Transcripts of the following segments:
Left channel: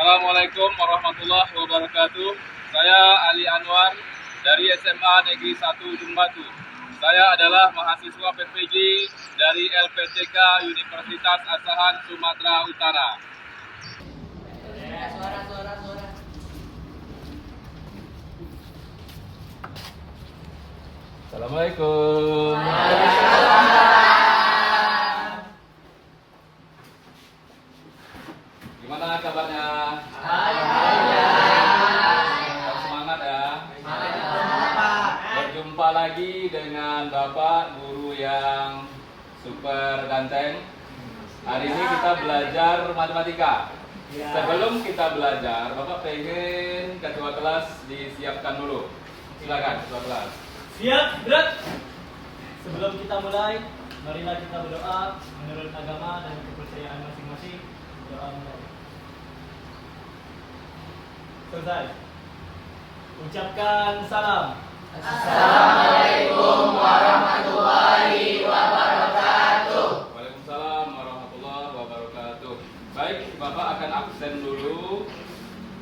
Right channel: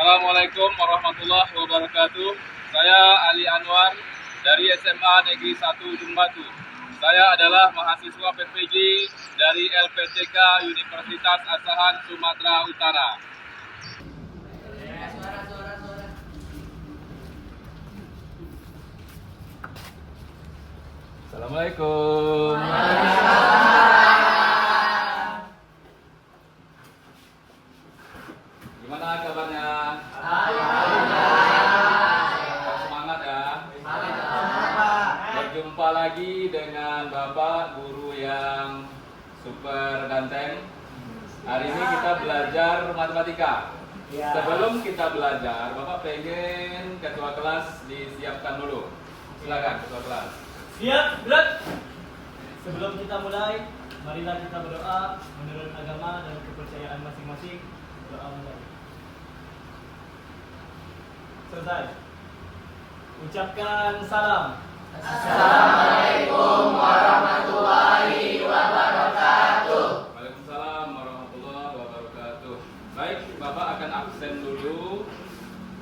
Assalamualaikum warahmatullahi wabarakatuh. Saya Ali Anwar dari SMA Negeri 1 Jumbatu. Saya adalah mahasiswa PPG dari LPTK Universitas Asahan Sumatera Utara. Assalamualaikum. Gimana kabarnya? Tetap semangat ya. Berjumpa lagi dengan Bapak guru yang super ganteng. Hari ini kita belajar matematika. Sebelum kita belajar, Bapak pengen ketua kelas disiapkan dulu. Silakan ketua kelas. Siap, gerak. Sebelum kita mulai, marilah kita berdoa menurut agama dan kepercayaan masing-masing. Doa mulai. Selesai. Ucapkan salam. Assalamualaikum warahmatullahi wabarakatuh. Waalaikumsalam warahmatullahi wabarakatuh. Baik, Bapak akan absen dulu.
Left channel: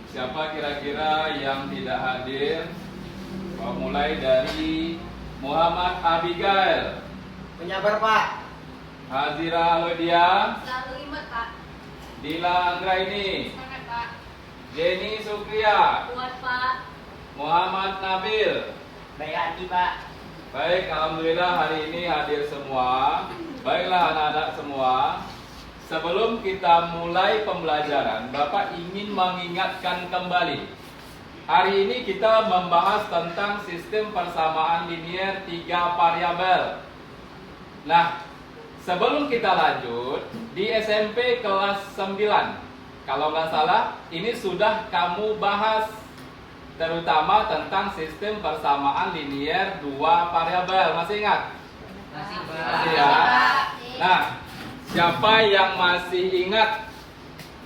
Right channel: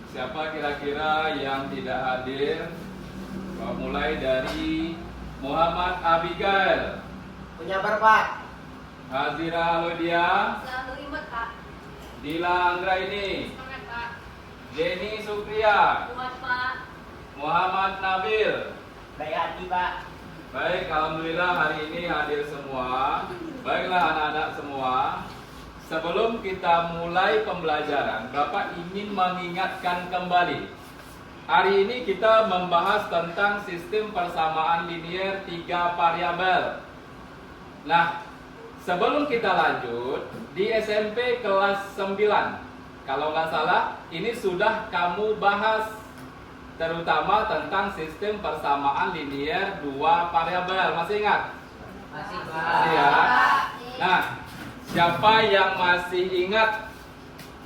Siapa kira-kira yang tidak hadir? Bapak mulai dari Muhammad Abigail, Penyabar Pak. Hazira Lodia, Selamat Pak. Dila Anggraini, Selamat Pak. Jenny Sukria, Puas Pak. Muhammad Nabil. Baik hati Pak. Baik, alhamdulillah hari ini hadir semua. Baiklah anak-anak semua. Sebelum kita mulai pembelajaran, Bapak ingin mengingatkan kembali. Hari ini kita membahas tentang sistem persamaan linier 3 variabel. Nah, sebelum kita lanjut, di SMP kelas 9, kalau nggak salah, ini sudah kamu bahas, terutama tentang sistem persamaan linier 2 variabel. Masih ingat? Masih Masih ya? Nah, siapa yang masih ingat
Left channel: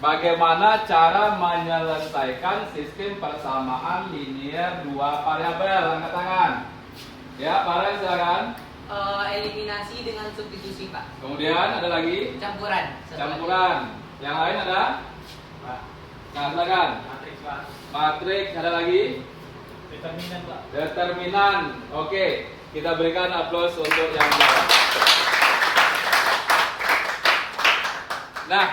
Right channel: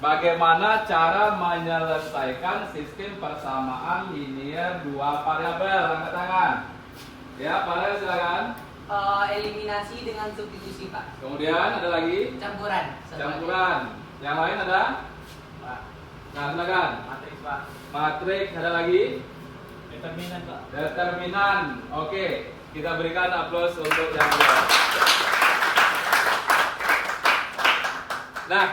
bagaimana cara menyelesaikan sistem persamaan linier 2 variabel? Angkat tangan. Ya, para silakan. Eliminasi dengan substitusi Pak. Kemudian ada lagi Campuran. campuran. Yang lain ada? Nah, silakan. Matriks Pak. Matriks, ada lagi? Determinan Pak. Determinan. Oke, kita berikan aplaus untuk yang jawab. Nah,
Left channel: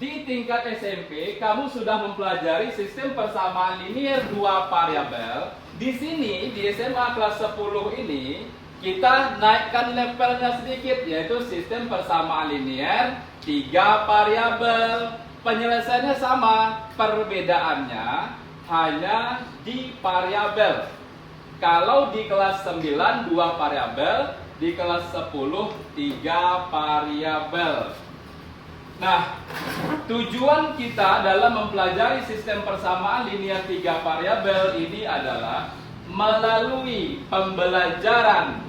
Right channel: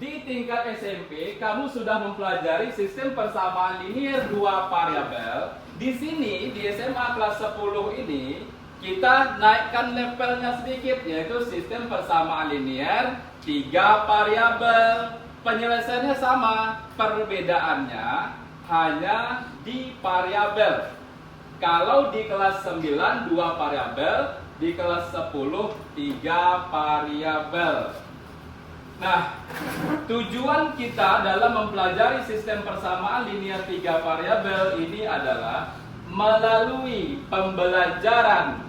di tingkat SMP kamu sudah mempelajari sistem persamaan linier 2 variabel. Di sini di SMA kelas 10 ini kita naikkan levelnya sedikit, yaitu sistem persamaan linier 3 variabel. Penyelesaiannya sama, perbedaannya hanya di variabel. Kalau di kelas 9 2 variabel, di kelas 10 3 variabel. Nah, tujuan kita dalam mempelajari sistem persamaan linier 3 variabel ini adalah melalui pembelajaran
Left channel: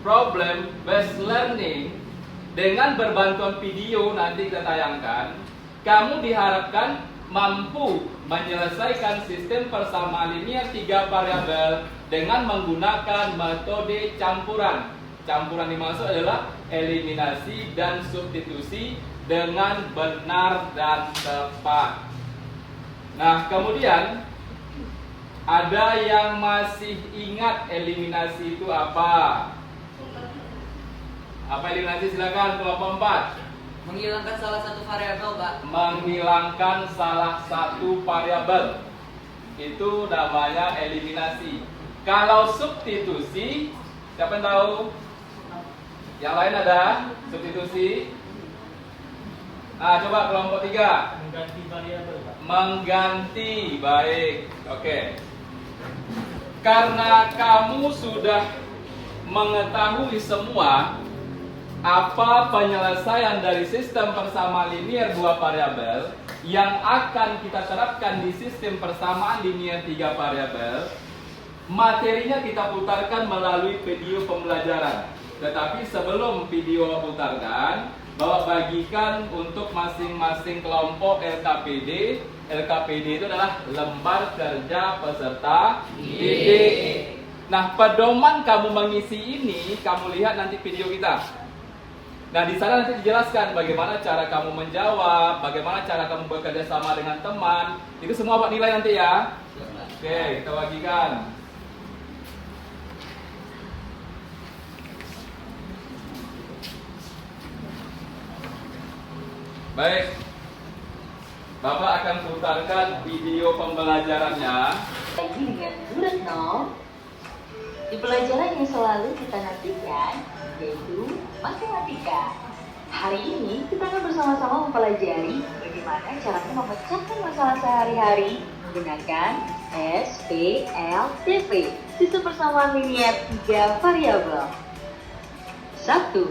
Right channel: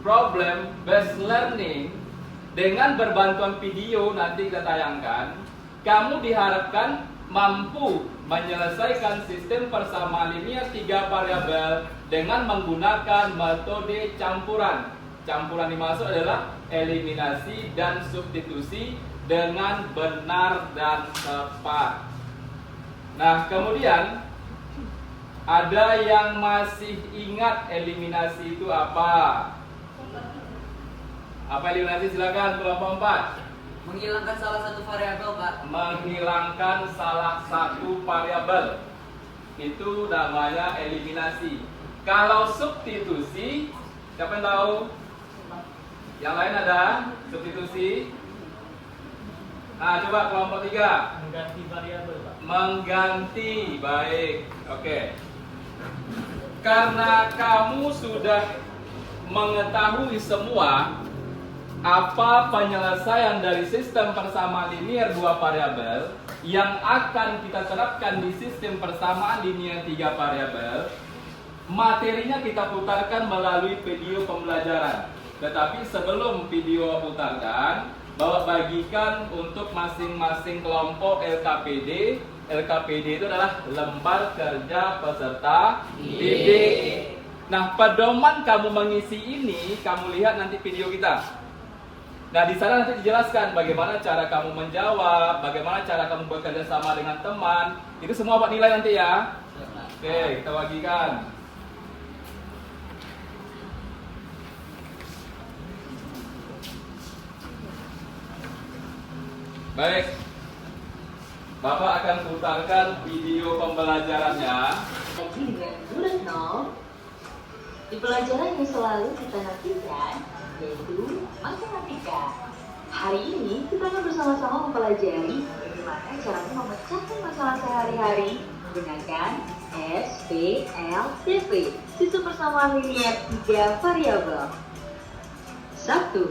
problem based learning dengan berbantuan video nanti kita tayangkan, kamu diharapkan mampu menyelesaikan sistem persamaan linier 3 variabel dengan menggunakan metode campuran. Campuran dimaksud adalah eliminasi dan substitusi dengan benar dan tepat. Nah, kemudian ada yang masih ingat eliminasi itu apa? Apa eliminasi? Silakan kelompok 4. Menghilangkan salah satu variabel Pak. Menghilangkan salah satu variabel. Itu namanya eliminasi. Kalau substitusi, siapa yang tahu? Yang lain ada substitusi? Nah, coba kelompok 3. Mengganti variabel Pak. Mengganti, baik. Oke. Karena kamu sudah mengetahui semua apa penyelesaian dari sistem persamaan linier 2 variabel yang akan kita terapkan di sistem persamaan linier 3 variabel, materinya kita putarkan melalui video pembelajaran. Tetapi sebelum video putarkan, Bapak bagikan untuk masing-masing kelompok LKPD. LKPD itu adalah lembar kerja peserta didik. Nah, pedoman kamu mengisi ini, kamu lihat nanti video kita. Nah, di sana nanti dijelaskan bagaimana cara kamu menjawab, bagaimana cara kamu bekerja sama dengan teman. Itu semua Pak nilai nanti ya. Oke, kita bagikan. Baik. Bapak akan putarkan video pembelajarannya. Lagi dengan Bu Retno, di pelajaran yang selalu kita nantikan, yaitu matematika. Hari ini kita akan bersama-sama mempelajari bagaimana caranya memecahkan masalah sehari-hari menggunakan SPLTV, sistem persamaan linear 3 variabel. 1.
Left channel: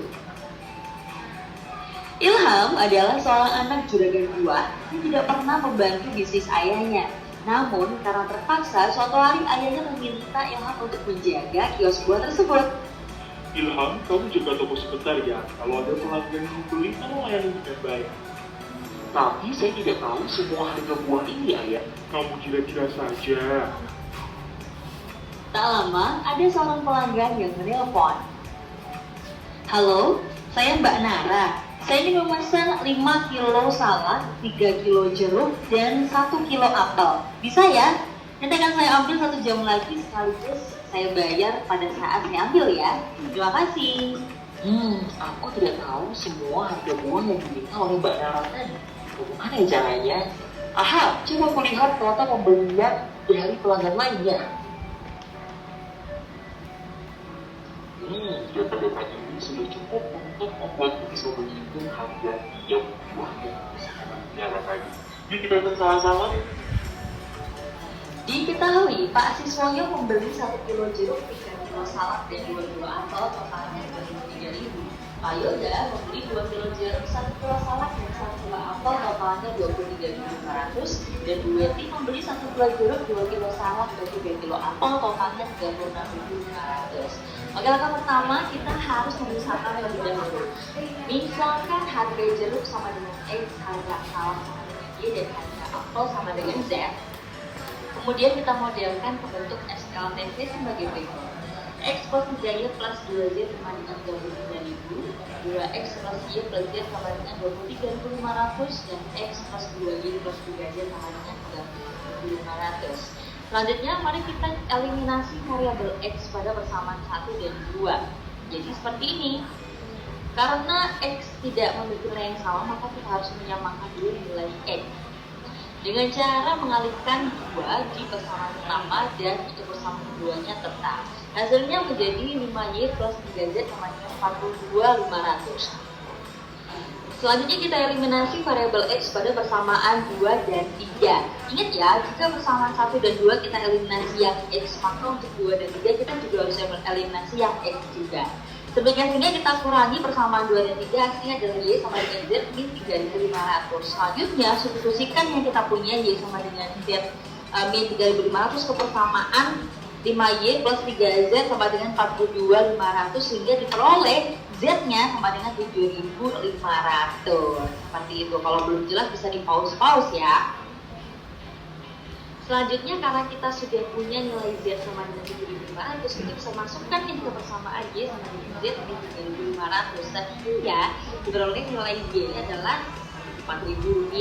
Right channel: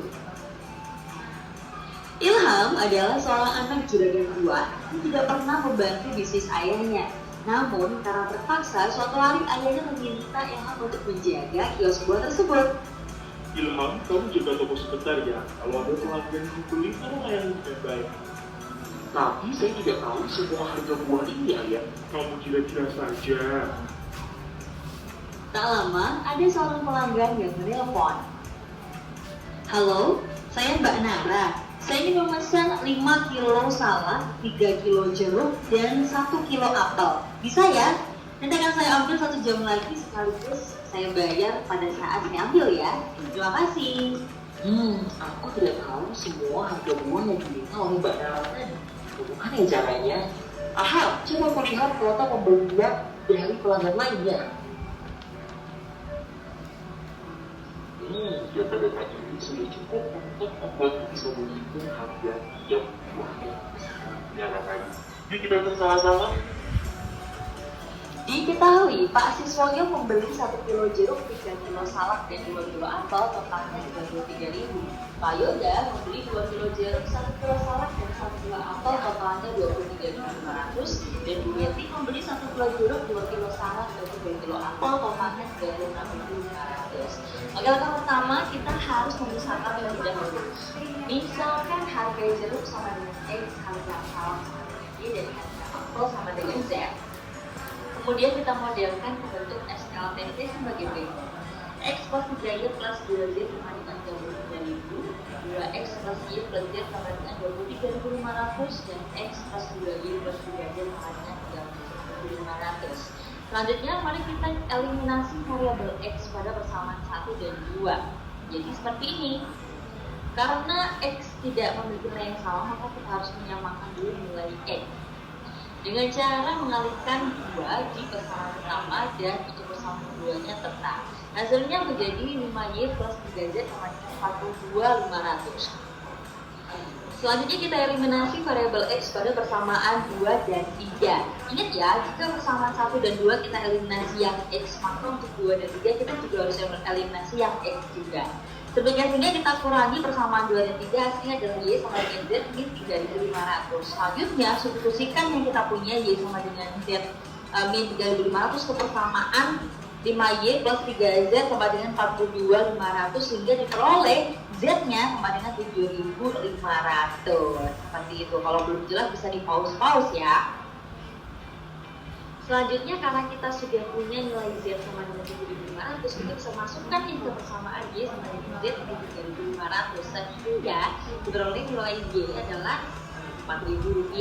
Ilham adalah seorang anak juragan kuat yang tidak pernah membantu bisnis ayahnya. Namun, karena terpaksa, suatu hari ayahnya meminta Ilham untuk menjaga kios buah tersebut. Ilham, kamu jaga toko sebentar ya. Kalau ada pelanggan yang beli, kamu layani dengan baik. Tapi saya tidak tahu semua harga buah ini, Ayah. Kamu kira-kira saja. Tak lama, ada seorang pelanggan yang menelpon. Halo, saya Mbak Nara. Saya ingin memesan 5 kilo salad, 3 kilo jeruk, dan 1 kilo apel. Bisa ya? Nanti akan saya ambil 1 jam lagi sekaligus saya bayar pada saat saya ambil ya. Terima kasih. Aku tidak tahu semua harga buah yang diminta oleh Mbak Nara tadi. Bagaimana ya caranya? Aha, coba aku lihat ternyata pembelinya dari pelanggan lainnya. Data-data ini sudah cukup untuk membuatku bisa menghitung harga tiap buah yang bisa tadi. Yuk kita hitung sama-sama. Diketahui, Pak Siswanyo membeli 1 kilo jeruk, 3 kilo salad, dan 2 kilo apel totalnya 33.000. Pak Yoga membeli 2 kilo jeruk, 1 kilo salad, dan 1 kilo apel totalnya 23.500. Dan Bu Yeti membeli 1 kilo jeruk, 2 kilo salad, dan 3 kilo apel totalnya 36.500. Oke, langkah pertama kita harus memisahkan terlebih dahulu. Misalkan harga jeruk sama dengan X, harga salad sama dengan Y, dan harga apel sama dengan Z. Kemudian kita modelkan ke bentuk SLTV sebagai berikut. X plus 3Y plus 2Z sama dengan 33.000, 2X plus Y plus Z sama dengan 23.500, dan X plus 2Y plus 3Z sama dengan 3.500. Selanjutnya, mari kita eliminasi variabel X pada persamaan 1 dan 2. Jadi seperti ini. Karena X tidak memiliki nilai yang sama, maka kita harus menyamakan dulu nilai X dengan cara mengalihkan 2 di persamaan pertama dan untuk persamaan keduanya tetap. Hasilnya menjadi 5Y plus 3Z sama dengan 42.500. Selanjutnya kita eliminasi variabel X pada persamaan 2 dan 3. Ingat ya, jika persamaan 1 dan 2 kita eliminasi yang X, maka untuk 2 dan 3 kita juga harus eliminasi yang X juga. Sehingga kita kurangi persamaan 2 dan 3, hasilnya adalah Y sama dengan Z, ini 3.500. Selanjutnya, substitusikan yang kita punya Y sama dengan Z min 3.500 ke persamaan 5Y plus 3Z sama dengan 42.500, sehingga diperoleh Z-nya sama dengan 7.500. Seperti itu. Kalau belum jelas bisa di pause ya. Selanjutnya, karena kita sudah punya nilai Z sama dengan 7.500, kita bisa masukkan ini ke persamaan Y sama dengan Z di 3.500, sehingga diperoleh nilai Y adalah Rp4.000.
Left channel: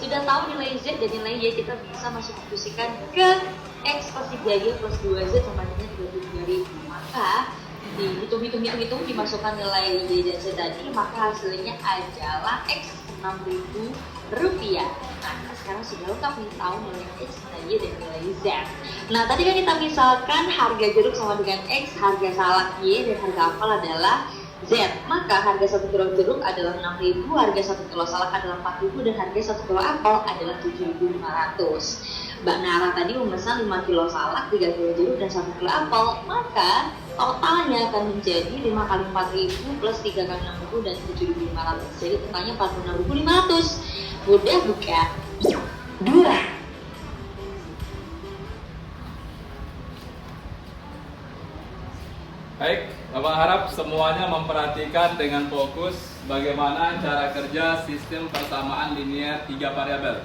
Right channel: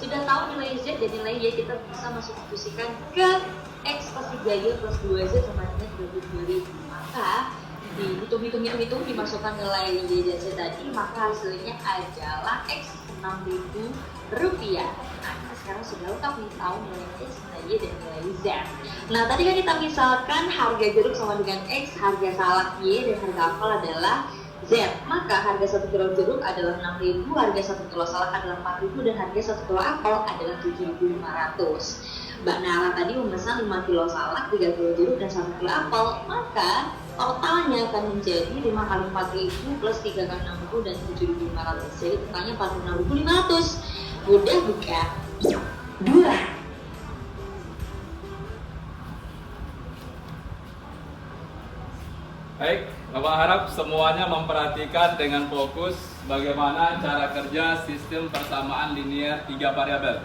Sudah tahu nilai Z dan nilai Y, kita bisa mensubstitusikan ke X plus 3Y plus 2Z sama dengan 22.000. Maka dihitung, dimasukkan nilai Y dan Z tadi, maka hasilnya adalah X Rp6.000. Nah, sekarang sudah lengkap nih, tahu nilai X, nilai Y, dan nilai Z. Nah, tadi kan kita misalkan harga jeruk sama dengan X, harga salad Y, dan harga apel adalah Z. Maka harga 1 kilo jeruk adalah 6.000, harga 1 kilo salad adalah 4.000, dan harga 1 kilo apel adalah 7.500. Mbak Nara tadi memesan 5 kilo salad, 3 kilo jeruk, dan 1 kilo apel. Maka totalnya akan menjadi 5 kali 4.000 plus 3 kali 6.000 dan 7.500. Jadi totalnya 46.500. Mudah bukan? 2. Baik, Bapak harap semuanya memperhatikan dengan fokus bagaimana cara kerja sistem persamaan linear 3 variabel.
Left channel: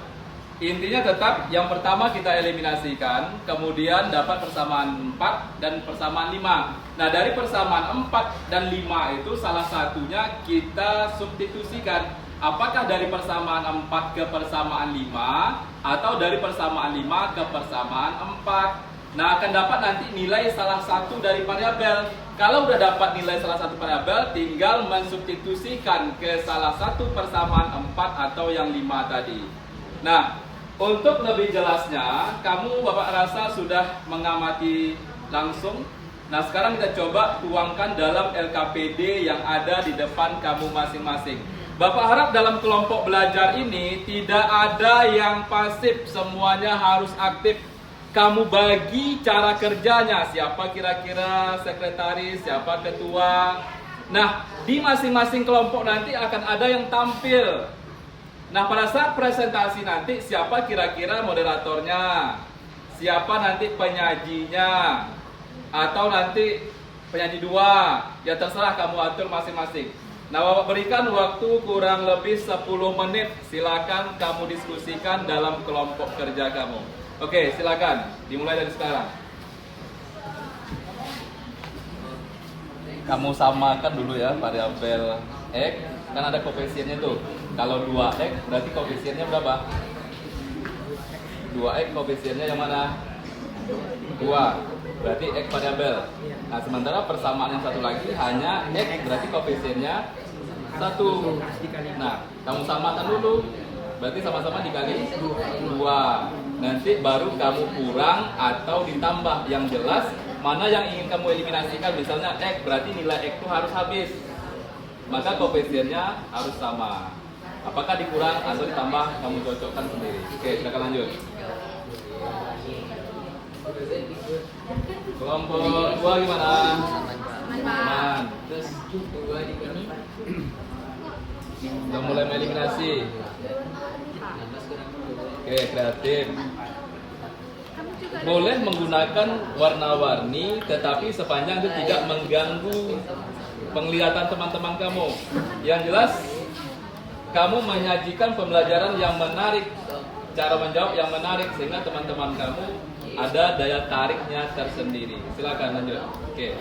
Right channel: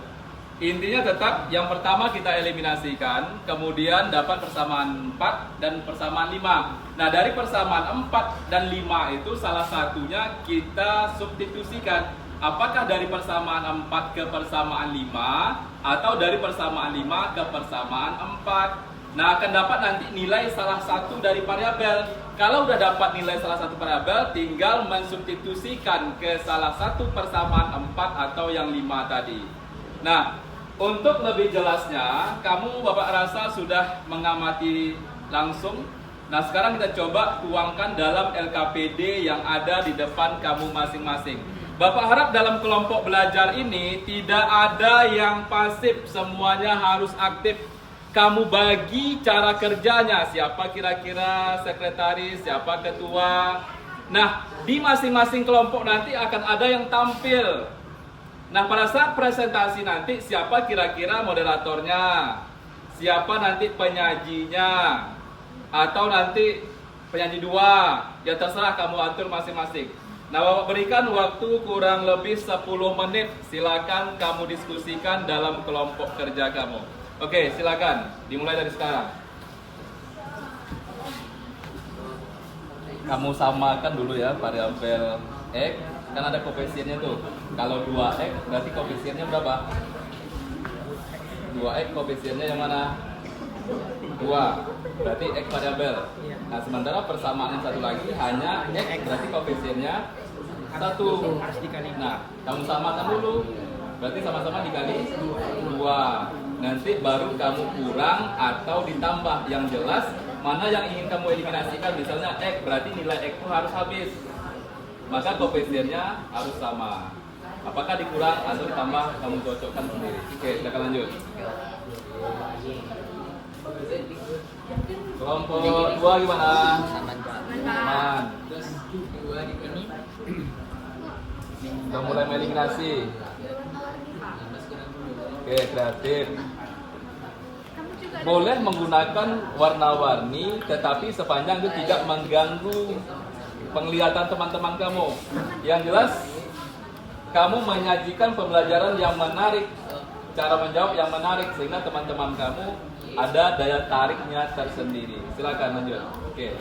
Intinya tetap yang pertama kita eliminasikan, kemudian dapat persamaan 4 dan persamaan 5. Nah, dari persamaan 4 dan 5 itu salah satunya kita substitusikan. Apakah dari persamaan 4 ke persamaan 5 atau dari persamaan 5 ke persamaan 4. Nah, akan dapat nanti nilai salah satu dari variabel. Kalau udah dapat nilai salah satu variabel, tinggal mensubstitusikan ke salah satu persamaan 4 atau yang 5 tadi. Nah, untuk lebih jelasnya, kamu Bapak rasa sudah mengamati langsung. Nah, sekarang kita coba tuangkan dalam LKPD yang ada di depan kamu masing-masing. Bapak harap dalam kelompok belajar ini tidak ada yang pasif, semuanya harus aktif. Kamu bagi cara kerjanya, siapa kira-kira sekretaris, siapa ketua. Nah, di masing-masing kelompok nanti akan ada yang tampil. Nah, pada saat presentasi nanti siapa kira-kira moderatornya, siapa nanti penyajinya, atau nanti penyanyi 2, ya terserah kamu atur masing-masing. Nah, Bapak berikan waktu kurang lebih 10 menit, silakan kamu diskusikan dalam kelompok kerja kamu. Oke, silakan dimulai dari sekarang. Kamu samakan dulu ya variabel X, kan ada koefisiennya tuh. Kalau 2x berarti koefisiennya berapa? 2x koefisiennya yang mana? 2. Berarti x variabel. Nah, sementara persamaan yang satu lagi hanya x, berarti koefisiennya 1. Nah, kamu samakan dulu. Berarti sama-sama dikali 2. Nanti baru kamu kurang atau ditambah. Yang jelas mana yang ingin kamu eliminasikan. Misalnya x, berarti nilai x itu harus habis. Maka koefisiennya harus sama. Apakah dikurang atau ditambah, kamu cocokkan sendiri. Oke, silakan lanjut. Kelompok 2 gimana? Aman. Sudah mulai meliminasi. Oke, kreatif. Boleh menggunakan warna-warni, tetapi sepanjang itu tidak mengganggu penglihatan teman-teman kamu. Yang jelas, kamu menyajikan pembelajaran yang menarik, cara menjawab yang menarik, sehingga teman-teman kamu ada daya tariknya tersendiri. Silakan lanjut. Oke.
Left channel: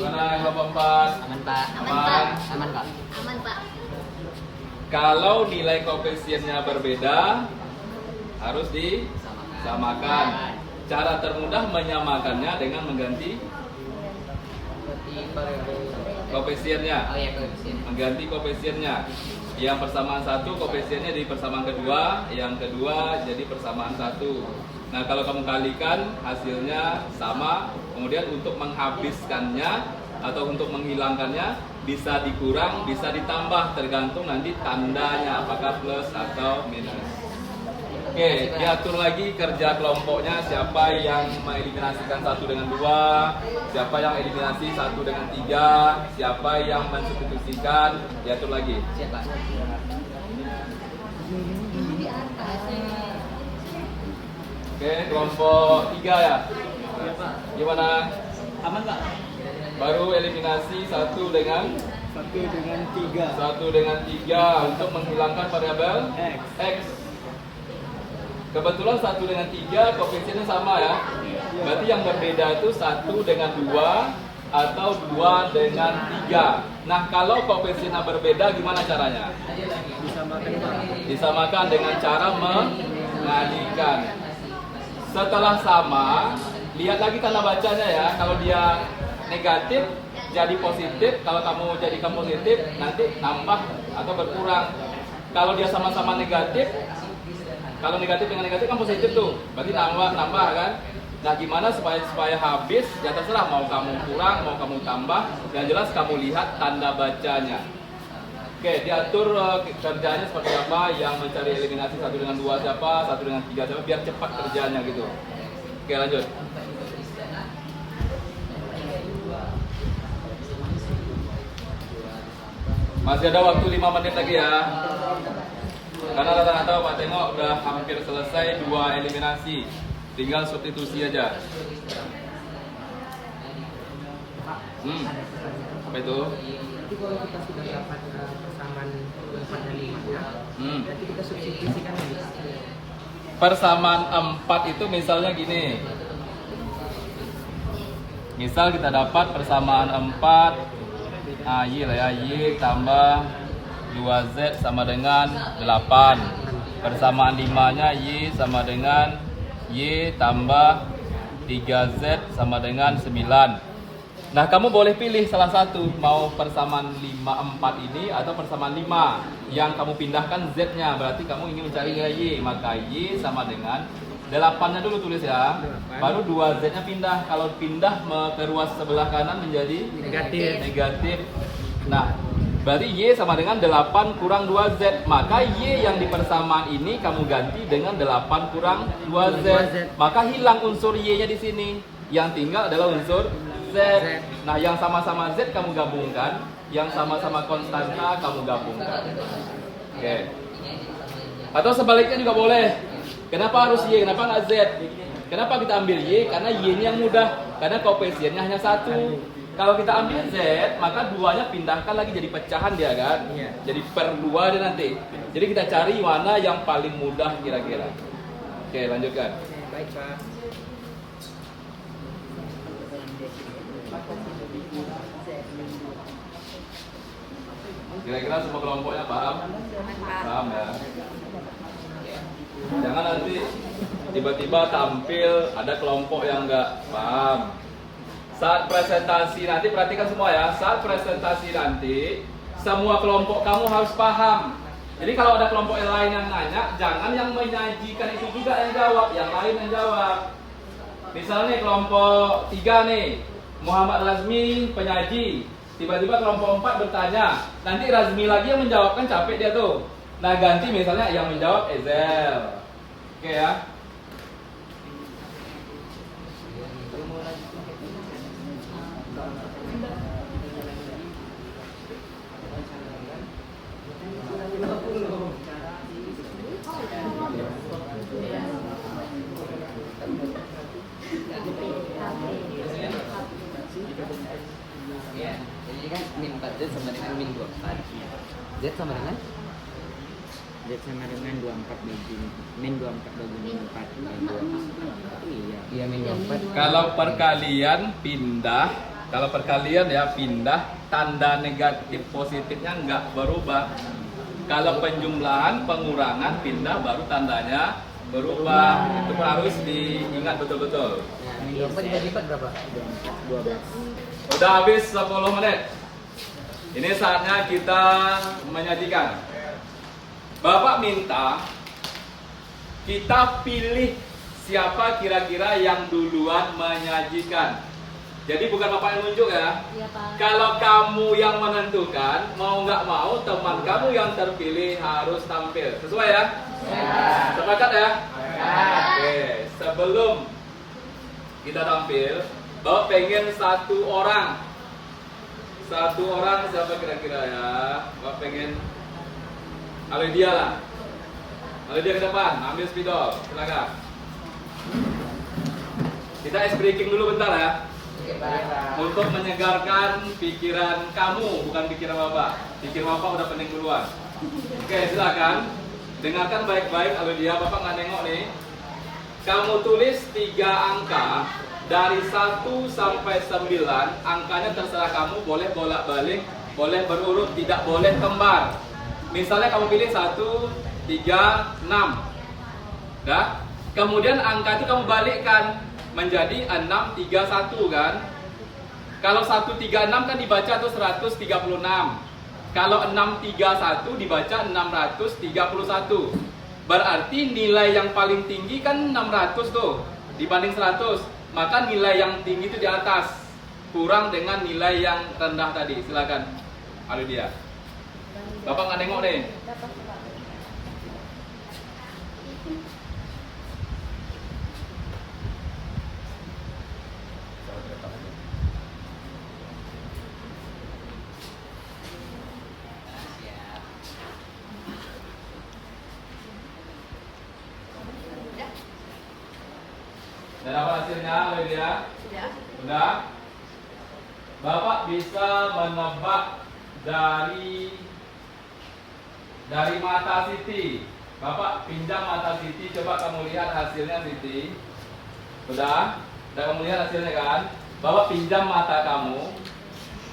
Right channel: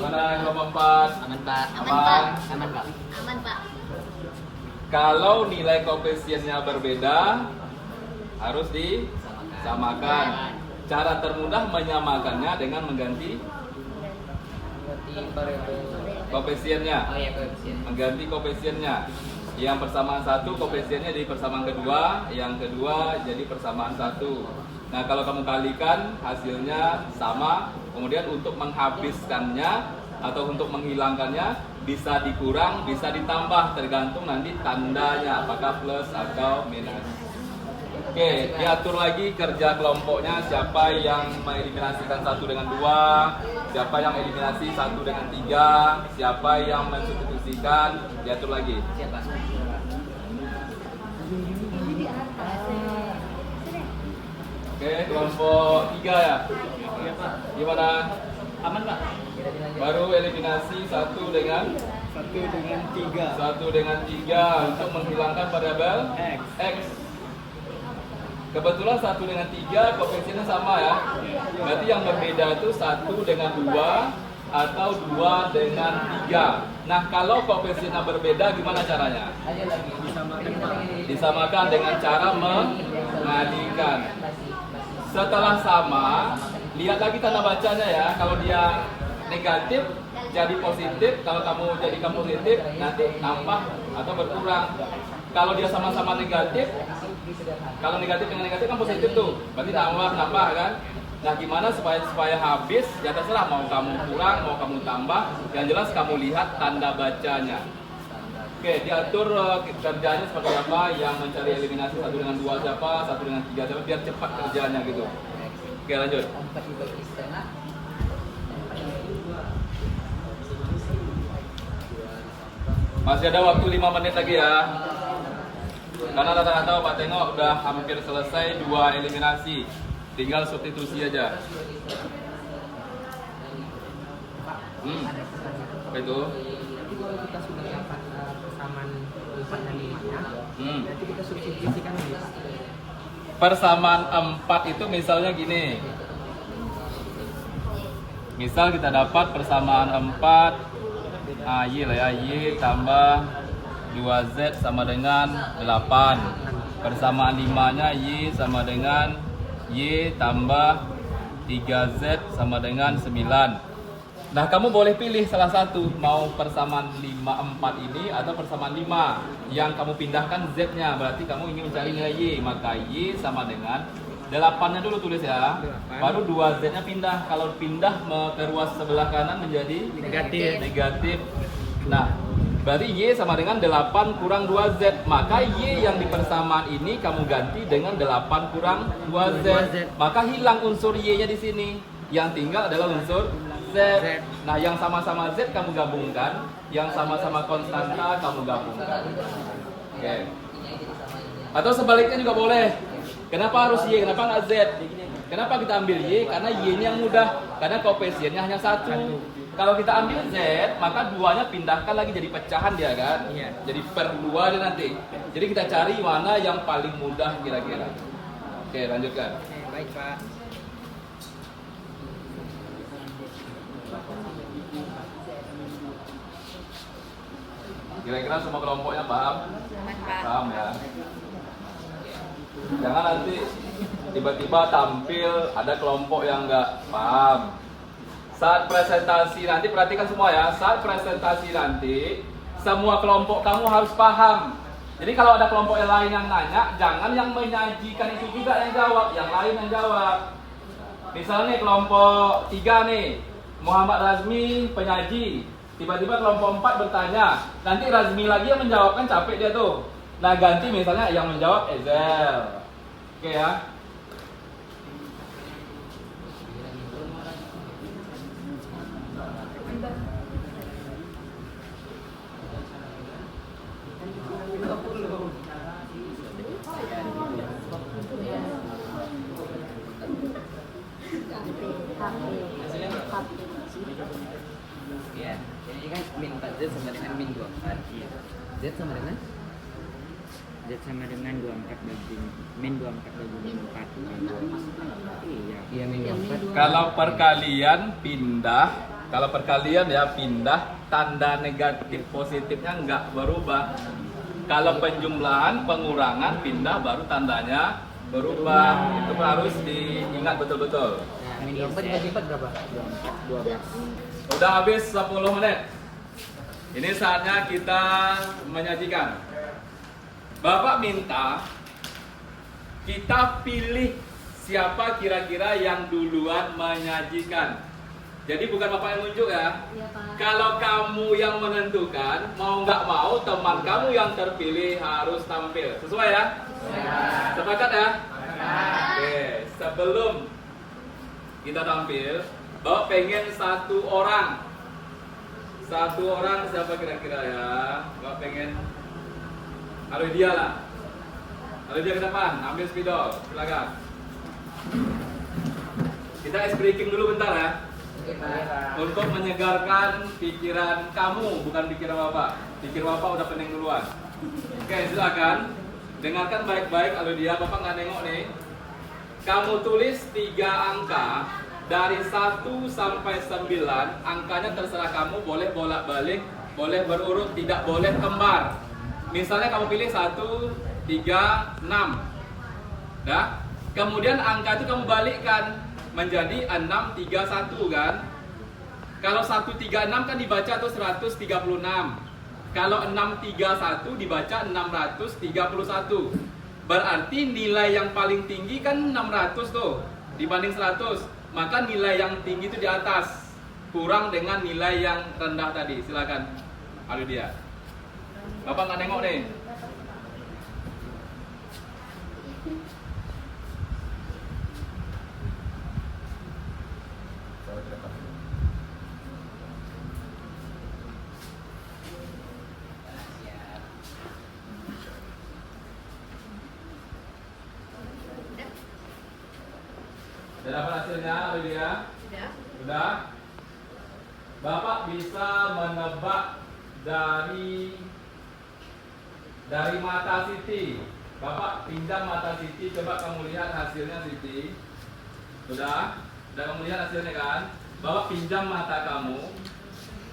Mana yang keempat? Aman, Pak. Aman. Aman, Pak. Aman, Pak. Kalau nilai koefisiennya berbeda, harus disamakan. Cara termudah menyamakannya dengan mengganti koefisiennya. Oh iya, koefisien. Mengganti koefisiennya. Yang persamaan 1 koefisiennya jadi persamaan kedua, yang kedua jadi persamaan 1. Nah, kalau kamu kalikan hasilnya sama, kemudian untuk menghabiskannya atau untuk menghilangkannya bisa dikurang, bisa ditambah, tergantung nanti tandanya apakah plus atau minus. Oke, diatur lagi kerja kelompoknya, siapa yang mengeliminasikan 1 dengan 2, siapa yang eliminasi 1 dengan 3, siapa yang mensubstitusikan, diatur lagi. Siapa? Oke, kelompok 3 ya. Iya, Pak. Gimana? Aman, Pak. Baru eliminasi 1 dengan 3. 1 dengan 3 untuk menghilangkan variabel X. X. Kebetulan 1 dengan 3 koefisiennya sama ya. Berarti yang berbeda itu 1 dengan 2 atau 2 dengan 3. Nah, kalau koefisiennya berbeda gimana caranya? Disamakan, Pak. Disamakan dengan cara mengalihkan. Setelah sama, lihat lagi tanda bacanya ya. Kalau dia negatif jadi positif, kalau kamu jadikan positif nanti tambah atau berkurang. Kalau dia sama-sama negatif, kalau negatif dengan negatif kan positif tuh, berarti nambah kan. Nah, gimana supaya habis? Ya terserah, mau kamu kurang, mau kamu tambah. Yang jelas kamu lihat tanda bacanya. Oke, diatur kerjanya seperti apa, yang mencari eliminasi 1 dengan 2 siapa, 1 dengan 3 siapa, biar cepat kerjanya gitu. Oke, lanjut. Masih ada waktu 5 menit lagi ya. Karena rata-rata Pak tengok udah hampir selesai 2 eliminasi. Tinggal substitusi aja. Apa itu? Nanti kalau kita sudah dapat persamaan 4 dan 5-nya, nanti kita substitusikan lagi Pak. Persamaan 4 itu misalnya gini. Misal kita dapat persamaan 4 Y lah ya, Y tambah 2Z sama dengan 8. Persamaan 5-nya Y sama dengan Y tambah 3Z sama dengan 9. Nah, kamu boleh pilih salah satu, mau persamaan 5, 4 ini atau persamaan 5 yang kamu pindahkan Z-nya, berarti kamu ingin mencari nilai Y, maka Y sama dengan 8-nya dulu tulis ya, 8. baru 2Z-nya pindah. Kalau pindah ke ruas sebelah kanan menjadi negatif. Nah, berarti Y sama dengan 8 kurang 2Z, maka Y yang di persamaan ini kamu ganti dengan 8 kurang 2Z, maka hilang unsur Y-nya di sini. Yang tinggal adalah unsur Z. Nah, yang sama-sama Z kamu gabungkan, yang sama-sama konstanta kamu gabungkan. Oke. Atau sebaliknya juga boleh. Kenapa harus Y? Kenapa nggak Z? Kenapa kita ambil Y? Karena Y-nya yang mudah. Karena koefisiennya hanya 1. Kalau kita ambil Z, maka 2-nya pindahkan lagi jadi pecahan dia kan? Iya. Jadi per 2 dia nanti. Jadi kita cari mana yang paling mudah kira-kira. Oke, lanjutkan. Oke, baik Pak. Kira-kira semua kelompoknya paham? Paham ya? Jangan nanti tiba-tiba tampil ada kelompok yang nggak paham. Saat presentasi nanti, perhatikan semua ya. Saat presentasi nanti, semua kelompok kamu harus paham. Jadi kalau ada kelompok yang lain yang nanya, jangan yang menyajikan itu juga yang jawab, yang lain yang jawab. Misalnya kelompok 3 nih, Muhammad Razmi penyaji. Tiba-tiba kelompok 4 bertanya, nanti Razmi lagi yang menjawabkan, capek dia tuh. Nah, ganti misalnya yang menjawab Ezel. Oke ya. Iya. Ini kan min 4Z sama dengan min 24. Z sama dengan Z sama dengan 24 bagi min 24 bagi min 4 bagi 2. Iya. iya min 24. Kalau perkalian pindah, kalau perkalian ya pindah, tanda negatif positifnya nggak berubah. Kalau penjumlahan, pengurangan, pindah baru tandanya berubah. Itu harus diingat betul-betul. Nah, min 24 dibagi 4 berapa? 24 12. Udah habis 10 menit. Ini saatnya kita menyajikan. Bapak minta kita pilih siapa kira-kira yang duluan menyajikan. Jadi bukan Bapak yang nunjuk ya. Iya, Pak. Kalau kamu yang menentukan, mau nggak mau teman kamu yang terpilih harus tampil. Sesuai ya? Sepakat ya? Oke, sebelum kita tampil, Bapak pengen satu orang siapa kira-kira ya? Bapak pengen Alidia lah. Alidia ke depan, ambil spidol, silakan. Kita ice breaking dulu bentar ya. Untuk menyegarkan pikiran kamu, bukan pikiran Bapak. Pikiran Bapak udah pening duluan. Oke, silakan. Dengarkan baik-baik Alidia, Bapak nggak nengok nih. Kamu tulis 3 angka dari 1 sampai 9, angkanya terserah kamu, boleh bolak-balik, boleh berurut, tidak boleh kembar. Misalnya kamu pilih 1, 3, 6. Dah? Kemudian angka itu kamu balikkan menjadi 6, 3, 1 kan? Kalau 1, 3, 6 kan dibaca tuh 136. Kalau 6, 3, 1 dibaca 631. Berarti nilai yang paling tinggi kan 600 tuh dibanding 100. Maka nilai yang tinggi itu di atas, kurang dengan nilai yang rendah tadi. Silakan. Aduh dia. Bapak nggak nengok nih. Dan apa hasilnya, Lydia? Sudah. Sudah. Bapak bisa menebak dari mata Siti. Bapak pinjam mata Siti, coba kamu lihat hasilnya Siti. Udah kamu lihat hasilnya kan? Bapak pinjam mata kamu.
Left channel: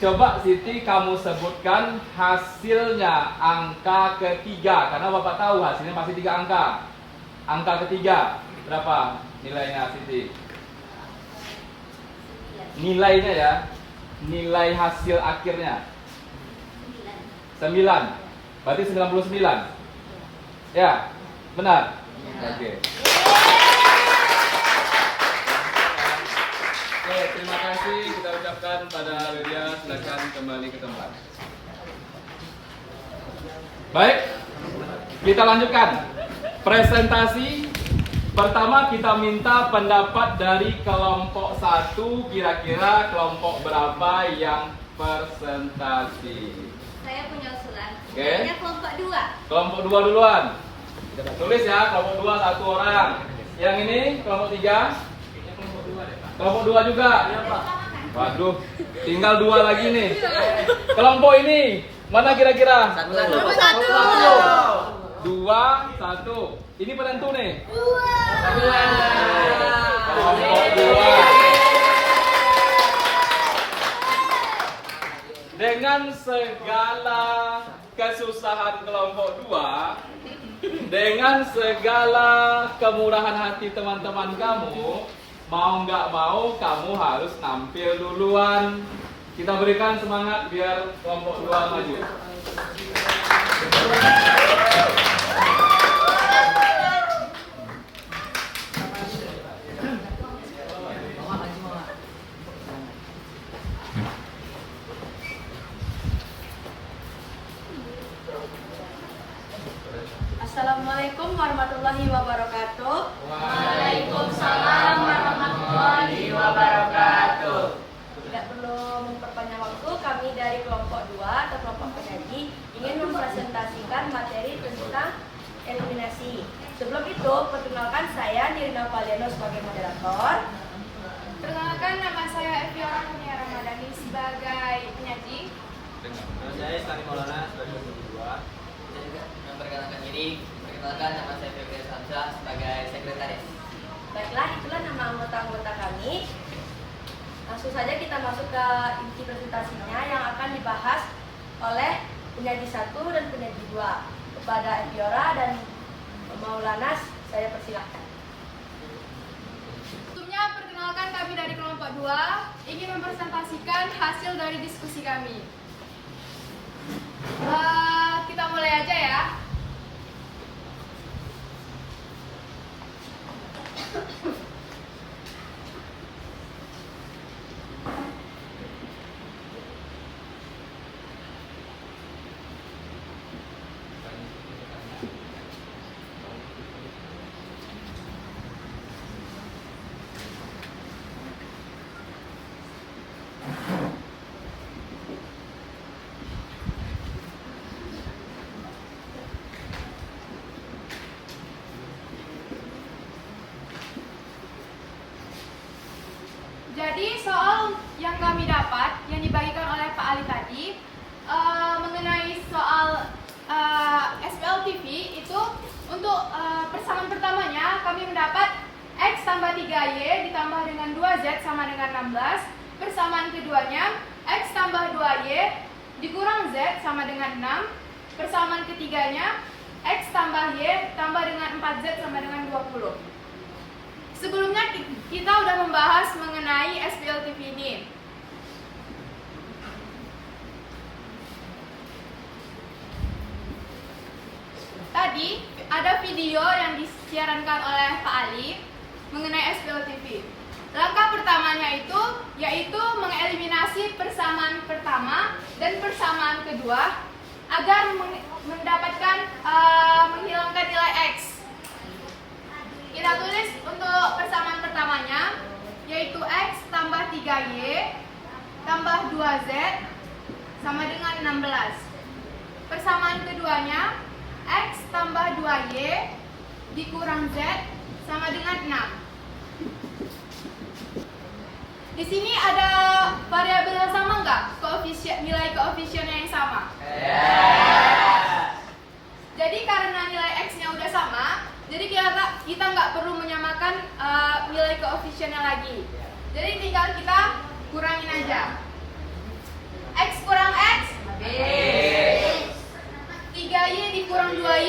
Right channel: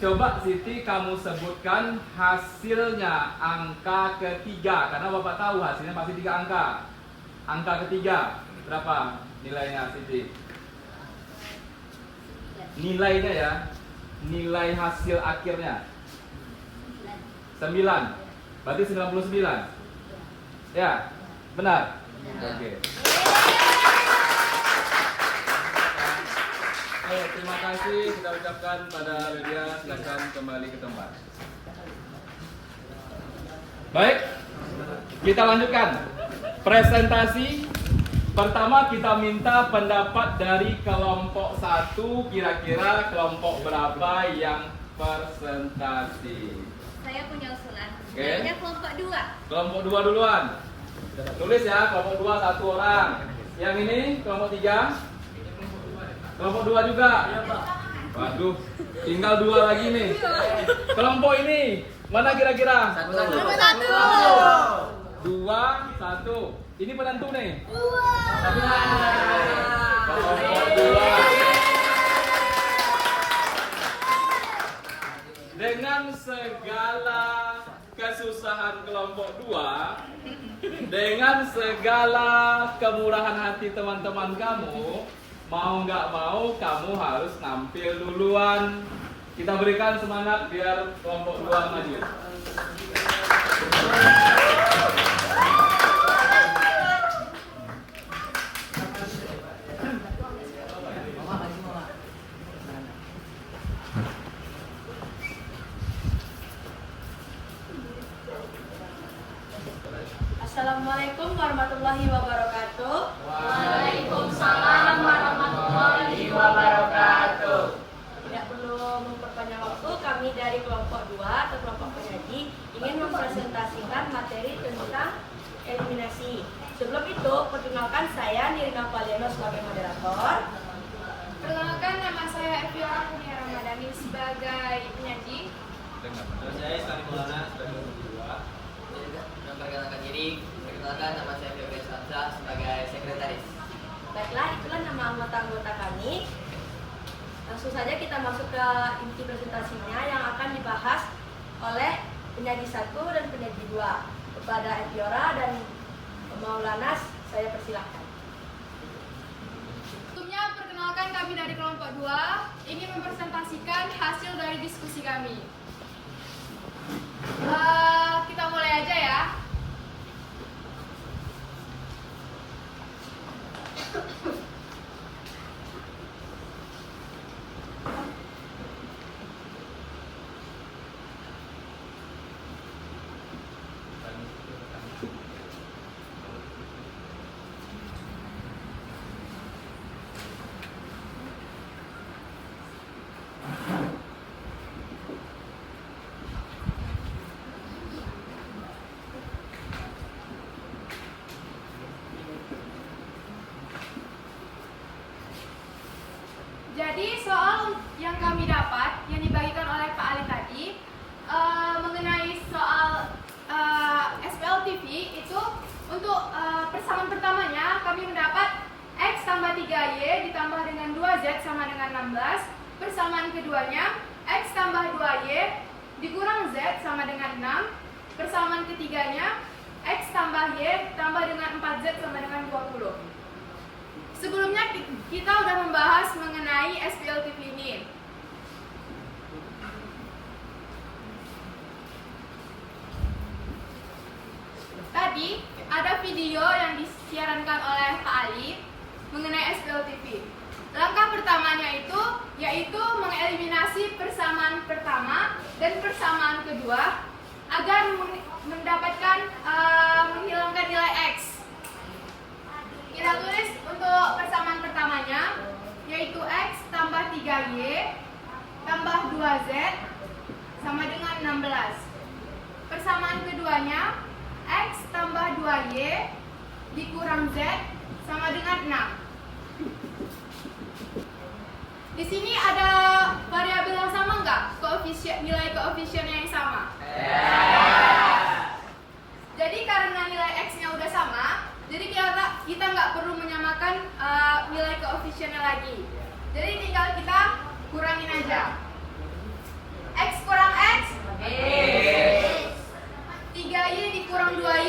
Coba Siti kamu sebutkan hasilnya angka ketiga, karena Bapak tahu hasilnya pasti 3 angka. Angka ketiga berapa nilainya Siti? Nilainya ya, nilai hasil akhirnya 9. Berarti 99. Ya, benar. Oke. Terima kasih kita ucapkan pada Lydia, silakan kembali ke tempat. Baik, kita lanjutkan presentasi. Pertama kita minta pendapat dari kelompok 1, kira-kira kelompok berapa yang presentasi? Saya punya usulan. Oke. Kayaknya kelompok 2. Kelompok 2 duluan. Tulis ya, kelompok 2 1 orang. Yang ini kelompok 3. Kelompok 2 juga. Waduh, tinggal 2 lagi nih. Kelompok ini mana kira-kira? 1. 2 1. Ini penentu nih. Kelompok 2. Dengan segala kesusahan kelompok 2, dengan segala kemurahan hati teman-teman kamu, mau nggak mau kamu harus nampil duluan. Kita berikan semangat biar kelompok 2 maju. Assalamualaikum warahmatullahi wabarakatuh. Waalaikumsalam warahmatullahi wabarakatuh. Tidak perlu memperpanjang waktu, kami dari kelompok 2 atau kelompok penyaji ingin mempresentasikan materi tentang eliminasi. Sebelum itu, perkenalkan saya Nirina Valiano sebagai moderator. Perkenalkan, nama saya Eviora Kurnia Ramadhani sebagai penyaji. Saya Sari Maulana sebagai kedua. Memperkenalkan diri, perkenalkan nama saya Febri Samsa sebagai sekretaris. Baiklah, itulah nama anggota-anggota kami. Langsung saja kita masuk ke inti presentasinya yang akan dibahas oleh penyaji 1 dan penyaji 2. Kepada Eviora dan Maulana, saya persilahkan. Sebelumnya, perkenalkan kami dari kelompok 2 ingin mempresentasikan hasil dari diskusi kami. Kita mulai aja ya. Jadi soal yang kami dapat, yang dibagikan oleh Pak Ali tadi, mengenai soal SPLTV itu untuk persamaan pertamanya kami mendapat X tambah 3Y ditambah dengan 2Z sama dengan 16. Persamaan keduanya X tambah 2Y dikurang Z sama dengan 6. Persamaan ketiganya X tambah Y tambah dengan 4Z sama dengan 20. Sebelumnya kita sudah membahas mengenai SPLTV ini. Tadi ada video yang disiarankan oleh Pak Ali mengenai SPLTV. Langkah pertamanya itu yaitu mengeliminasi persamaan pertama dan persamaan kedua agar mendapatkan menghilangkan nilai X. Kita tulis untuk persamaan pertamanya yaitu X tambah 3Y tambah 2Z sama dengan 16. Persamaan keduanya X tambah 2Y dikurang Z sama dengan 6. Di sini ada variabel yang sama nggak? Nilai koefisien yang sama. Jadi karena nilai X-nya udah sama, jadi kita nggak perlu menyamakan nilai koefisiennya lagi. Jadi tinggal kita kurangin aja. X kurang X, 3Y dikurang 2Y,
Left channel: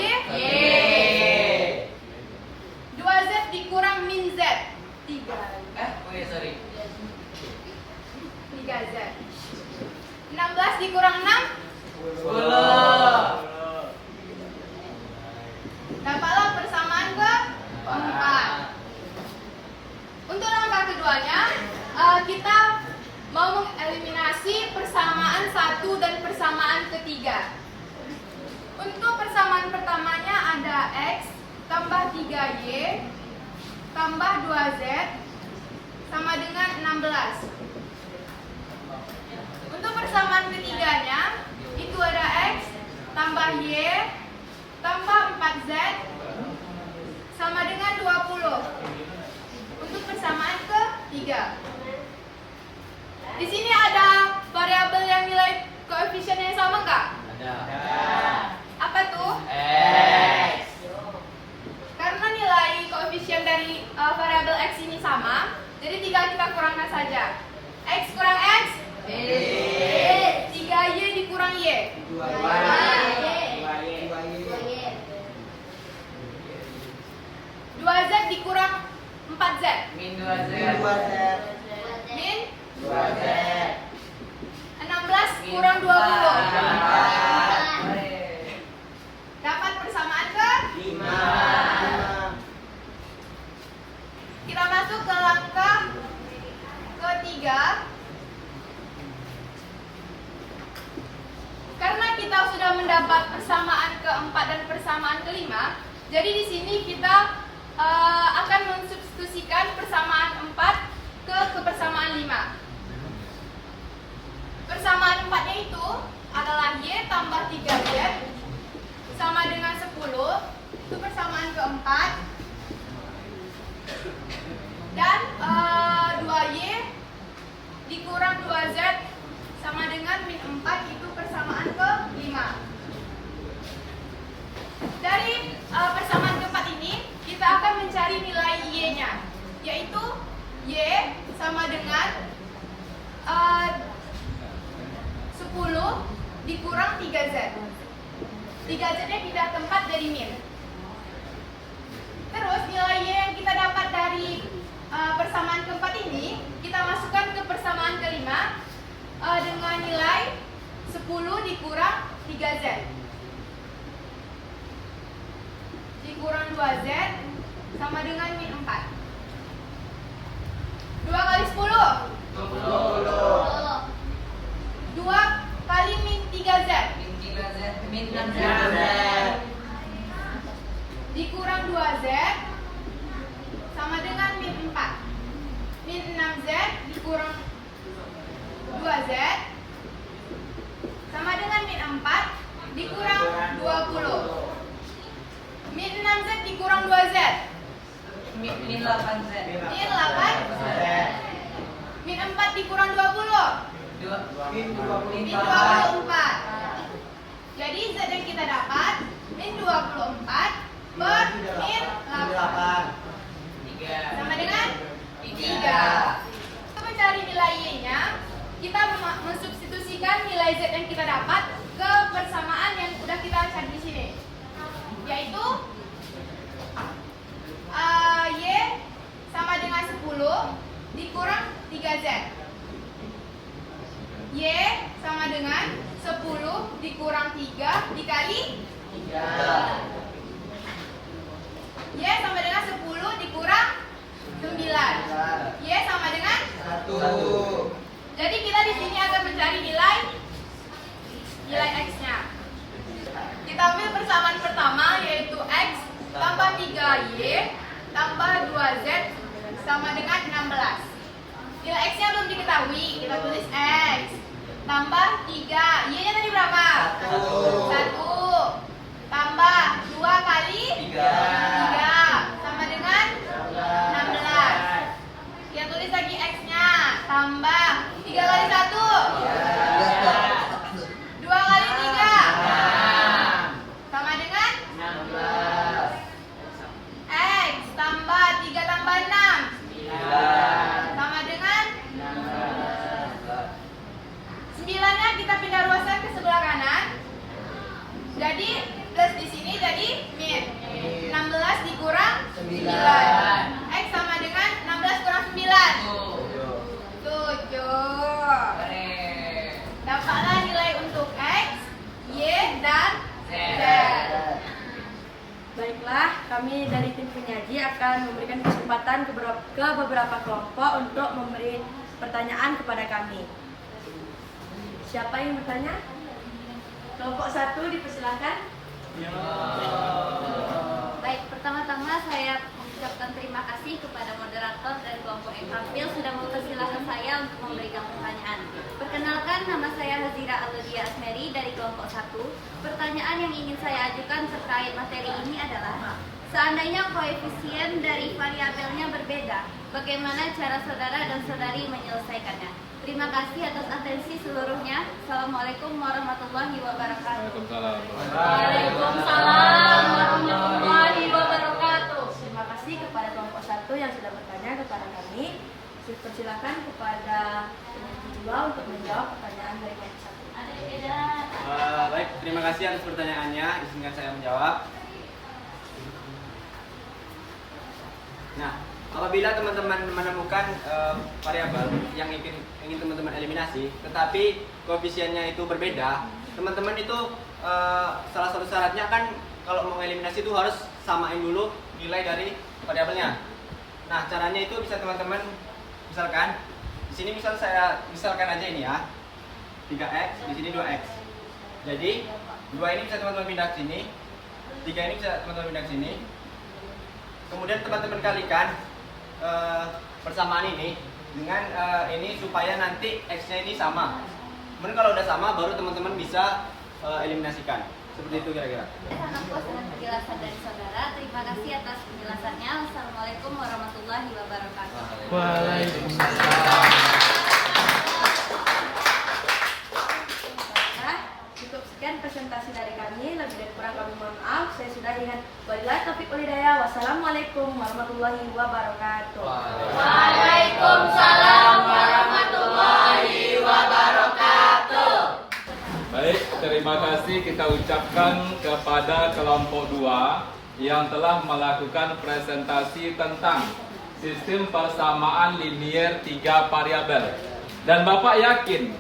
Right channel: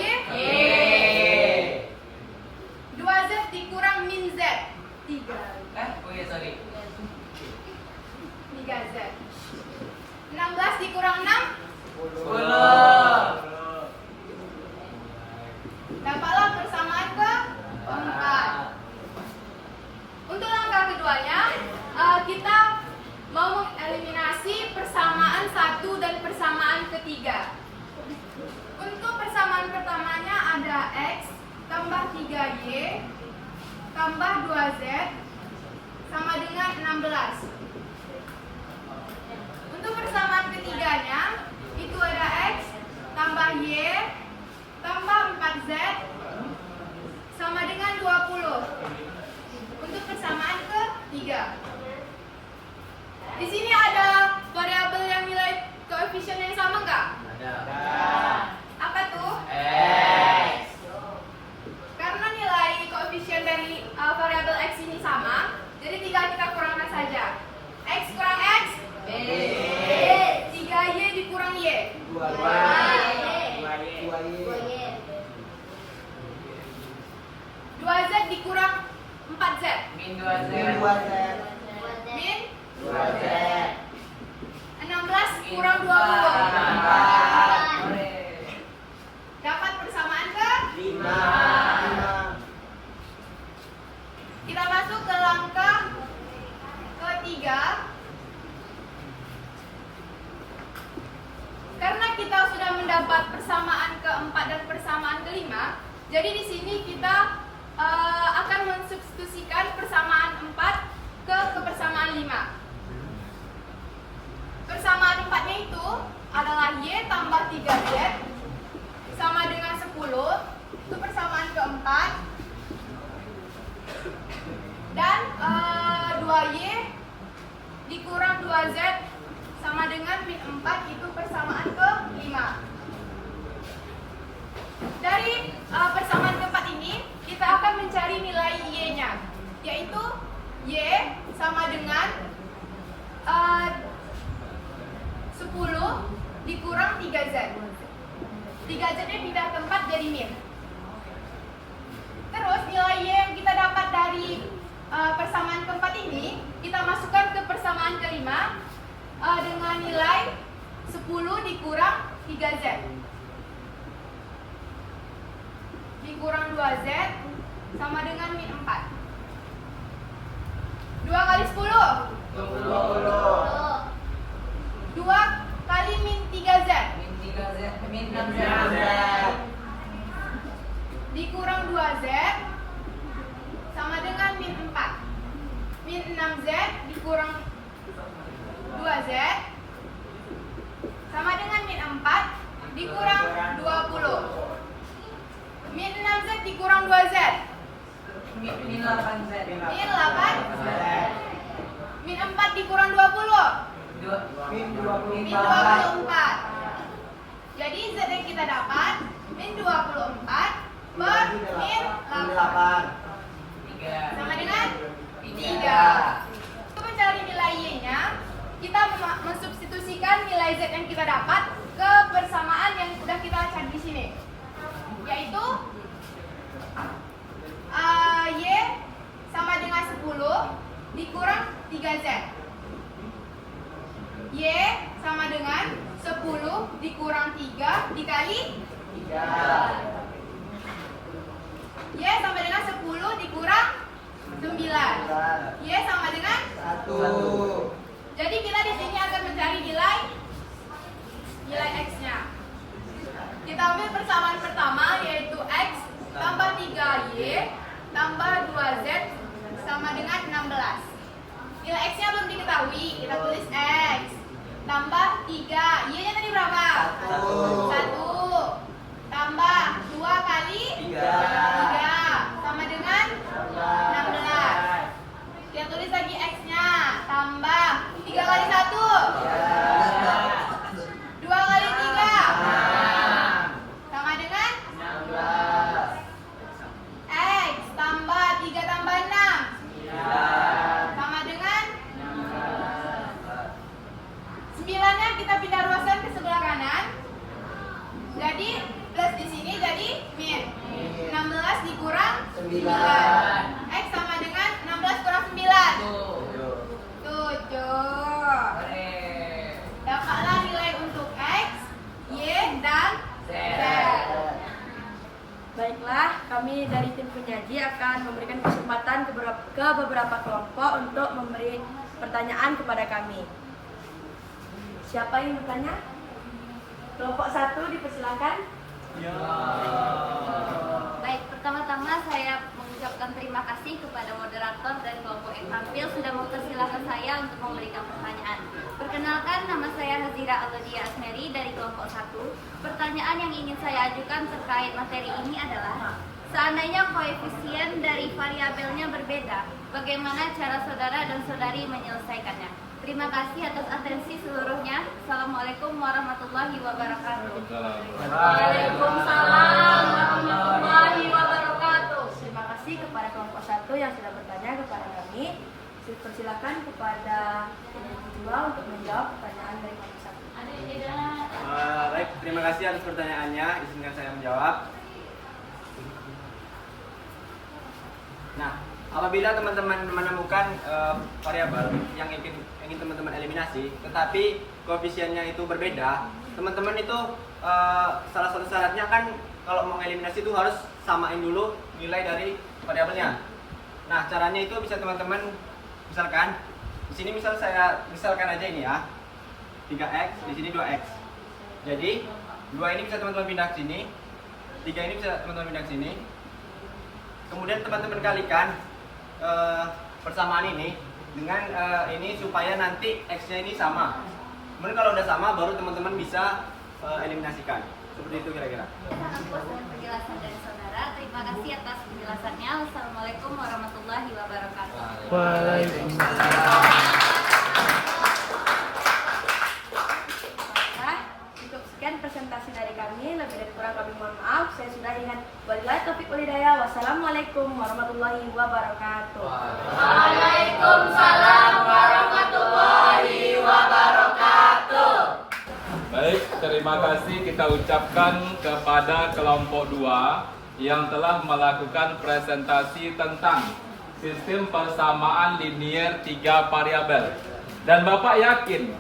2Z dikurang min Z, 3Z. 16 dikurang 6, 10. Dapatlah persamaan ke-4. Untuk langkah keduanya, kita mau mengeliminasi persamaan 1 dan persamaan ketiga. Untuk persamaan pertamanya ada X tambah 3Y tambah 2Z sama dengan 16. Untuk persamaan ketiganya, itu ada X tambah Y tambah 4Z sama dengan 20. Untuk persamaan ketiga, di sini ada variabel yang nilai koefisien yang sama nggak? Ada. Apa tuh? X. Karena nilai koefisien dari variabel X ini sama, jadi tinggal kita kurangkan saja. X kurang X, 3Y dikurang Y, 2Z dikurang 4Z, Min 2Z. min 2Z. 16 kurang 20. Dapat persamaan ke 5. Kita masuk ke langkah ketiga. Karena kita sudah mendapat persamaan keempat dan persamaan kelima, jadi di sini kita akan mensubstitusikan persamaan 4 ke persamaan 5. Persamaan 4-nya itu adalah Y tambah 3Z sama dengan 10. Itu persamaan keempat. Dan 2Y dikurang 2Z sama dengan min 4, itu persamaan ke-5. Dari persamaan keempat ini, kita akan mencari nilai Y-nya, yaitu Y sama dengan 10 dikurang 3Z. 3Z-nya pindah tempat jadi min. Terus nilai Y yang kita dapat dari persamaan keempat ini, kita masukkan ke persamaan kelima dengan nilai 10 dikurang 3Z dikurang 2Z sama dengan min 4. 2 kali 10, 2 kali min 3Z dikurang 2Z sama dengan min 4. Min 6Z dikurang 2Z sama dengan min 4 dikurang 20. Min 6Z dikurang 2Z, Min 8Z. min 8. Min 4 dikurang 20, min 24. Jadi Z yang kita dapat min 24 per min 8 sama dengan 3. Untuk mencari nilai Y-nya, kita mensubstitusikan nilai Z yang kita dapat ke persamaan yang sudah kita cari di sini, yaitu Y sama dengan 10 dikurang 3Z. Y sama dengan 10 dikurang 3 dikali 3. Y sama dengan 10 dikurang 9. Y sama dengan 1. Jadi kita di sini akan mencari nilai X-nya. Kita ambil persamaan pertama, yaitu X tambah 3Y tambah 2Z sama dengan 16. Nilai X-nya belum diketahui, kita tulis X tambah 3. Y-nya tadi berapa? 1 tambah 2 kali 3 sama dengan 16. Kita tulis lagi X-nya, tambah 3 kali 1 2 kali 3 dan share. Baiklah, kami dari tim penyaji akan memberikan kesempatan ke beberapa kelompok untuk memberi pertanyaan kepada kami. Siapa yang bertanya? Kelompok 1 dipersilakan. Baik, pertama-tama saya mengucapkan terima kasih kepada moderator dan kelompok yang tampil sudah mempersilahkan saya untuk memberikan pertanyaan. Perkenalkan, nama saya Hazira Alodia Asmeri dari kelompok 1. Pertanyaan yang ingin saya ajukan terkait materi ini adalah, seandainya koefisien dari variabelnya berbeda, bagaimana cara saudara dan saudari menyelesaikannya? Terima kasih atas atensi seluruhnya. Assalamualaikum warahmatullahi wabarakatuh. Waalaikumsalam warahmatullahi wabarakatuh. Terima kasih kepada kelompok 1 yang sudah bertanya kepada kami. Persilakan kepada penyaji 2 untuk menjawab pertanyaan dari kelompok 1. Baik, terima kasih atas pertanyaannya. Izinkan saya menjawab. Nah, apabila teman-teman menemukan variabel yang ingin teman-teman eliminasi, tetapi koefisiennya itu berbeda, teman-teman itu salah satu syaratnya kan kalau mau eliminasi itu harus samain dulu nilai dari variabelnya. Nah, caranya itu bisa teman-teman misalkan di sini misalkan aja ini ya 3x, di sini 2x. Jadi 2 ini bisa teman-teman pindah ke sini, 3 ini bisa teman-teman pindah ke sini. Kemudian teman-teman kalikan persamaan ini dengan ini supaya nanti x-nya ini sama. Kemudian kalau udah sama baru teman-teman bisa eliminasikan. Seperti itu kira-kira. Atas penjelasan dari saudara, terima kasih atas penjelasannya. Wassalamualaikum warahmatullahi wabarakatuh. Baiklah, cukup sekian presentasi dari kami. Lebih dari kurang kami mohon maaf. Saya sudahi dengan wabillahi taufiq wal hidayah. Wassalamualaikum warahmatullahi wabarakatuh. Waalaikumsalam warahmatullahi wabarakatuh. Baik, terima kasih kita ucapkan kepada kelompok 2 yang telah melakukan presentasi tentang sistem persamaan linier 3 variabel. Dan Bapak yakin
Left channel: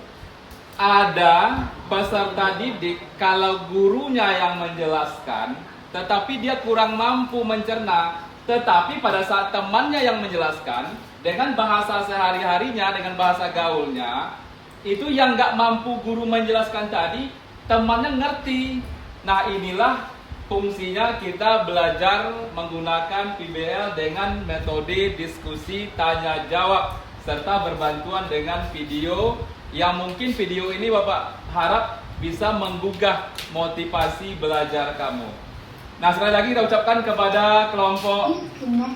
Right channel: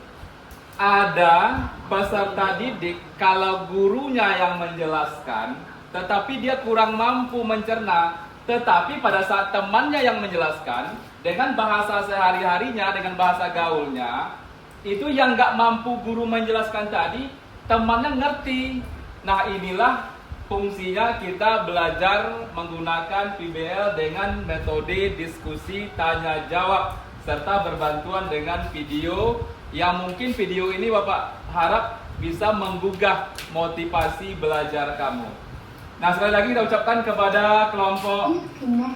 ada peserta didik kalau gurunya yang menjelaskan tetapi dia kurang mampu mencerna, tetapi pada saat temannya yang menjelaskan dengan bahasa sehari-harinya, dengan bahasa gaulnya, itu yang nggak mampu guru menjelaskan tadi, temannya ngerti. Nah, inilah fungsinya kita belajar menggunakan PBL dengan metode diskusi tanya jawab serta berbantuan dengan video yang mungkin video ini Bapak harap bisa menggugah motivasi belajar kamu. Nah, sekali lagi kita ucapkan kepada kelompok